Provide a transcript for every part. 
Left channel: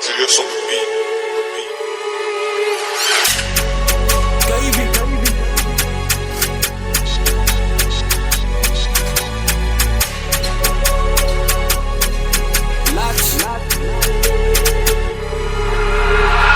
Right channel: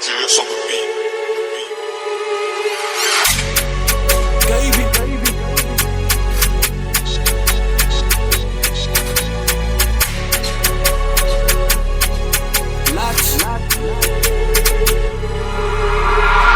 GS on the beat. Baby.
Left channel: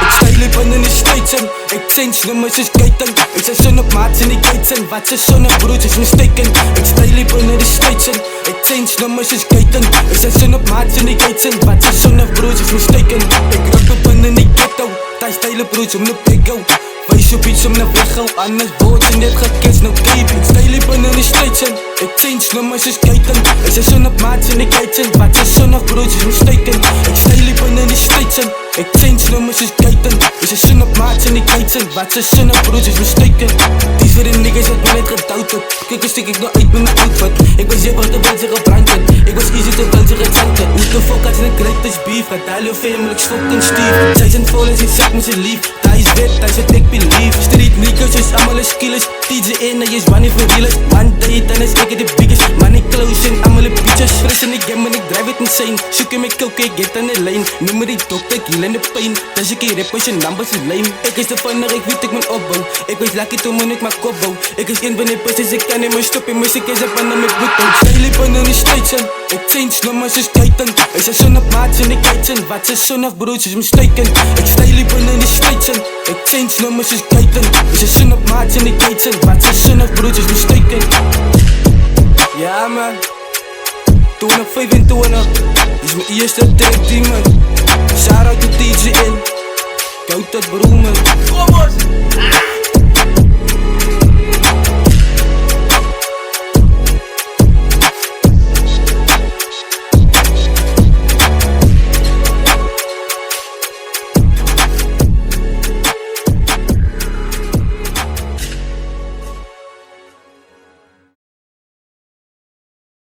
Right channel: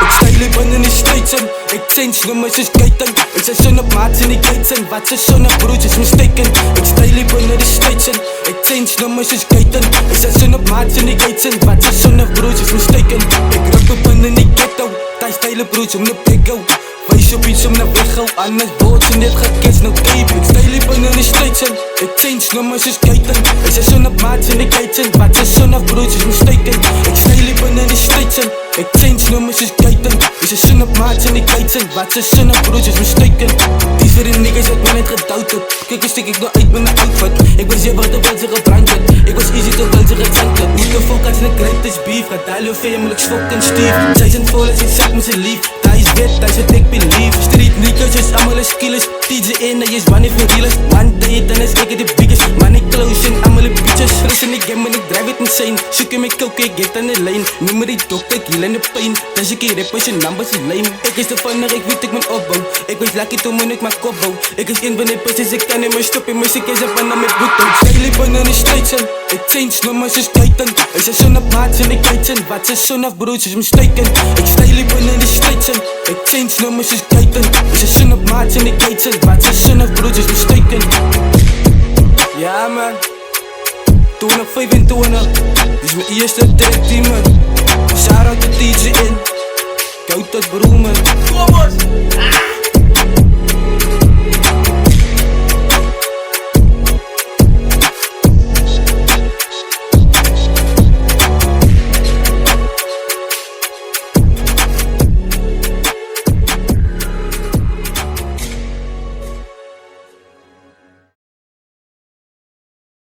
Ik stijl liep in de States en ik change nummers is skaten. Ik zet zon op maats in die gates en wat ze zon op broers is mistaken. Ik stijl liep in de States en ik change nummers is skaten. Ik zet zon op maats in die gates en wat ze zon op broers is mistaken. Ik rap op in die ghetto, daar stijle broers om de pego. Wees op iets om naar weg gauw, anders wordt ze net gekist, no cape. Ik stijl liep in de States en ik change nummers is skaten. Ik zet zon op maats in die gates en wat ze zon op broers is mistaken. Ik stijl liep in de States en ik change nummers is skaten. Ik zet zon op maats in die gates en wat ze zon op broers is mistaken. Die is weer een niggas dat me net getouwd had. Kijk een stik ik nog uit met mijn outfit. Ik was hier wat terwijl ze gebrand had. Ik was easy terwijl ze gezankt had. Hoe de fuck had ze een greatest beef? Gaat huil of famelijk fucking stief. Zij zijn vol als ik zak met z'n lief. Hij is wit, hij is wat ik believe. Street niggas is allemaal een skillers. TJ in, hij is one for realers. One day dan is ik de biggest. Money close en allemaal een bitches. Fris in die game en ik drive it insane. Zoek in mijn coke, ik get aan de lane. Noem me die dokter, ik heal in de pain. Dus ik hier rappers en numbers is lame. Ik is de funner, ik weet ik mijn opbouw. Ik was lucky toen ik mijn kop bouw. Ik is een van die pussies, ik kan niet meer stoppen. Muziek is een van mijn bloed. Ik stijl liep in de States en ik change nummers is skaten. Ik zet zon op maats in de gates en wat ze zon op broers is mistaken. Ik stijl liep in de States en ik change nummers is skaten. Ik zet zon op maats in de gates en wat ze zon op broers is mistaken. Ja man, toen op 25. Dit is mijn eerste track die man. Shout out to TJ in. Koud dat broer man. Kom eens!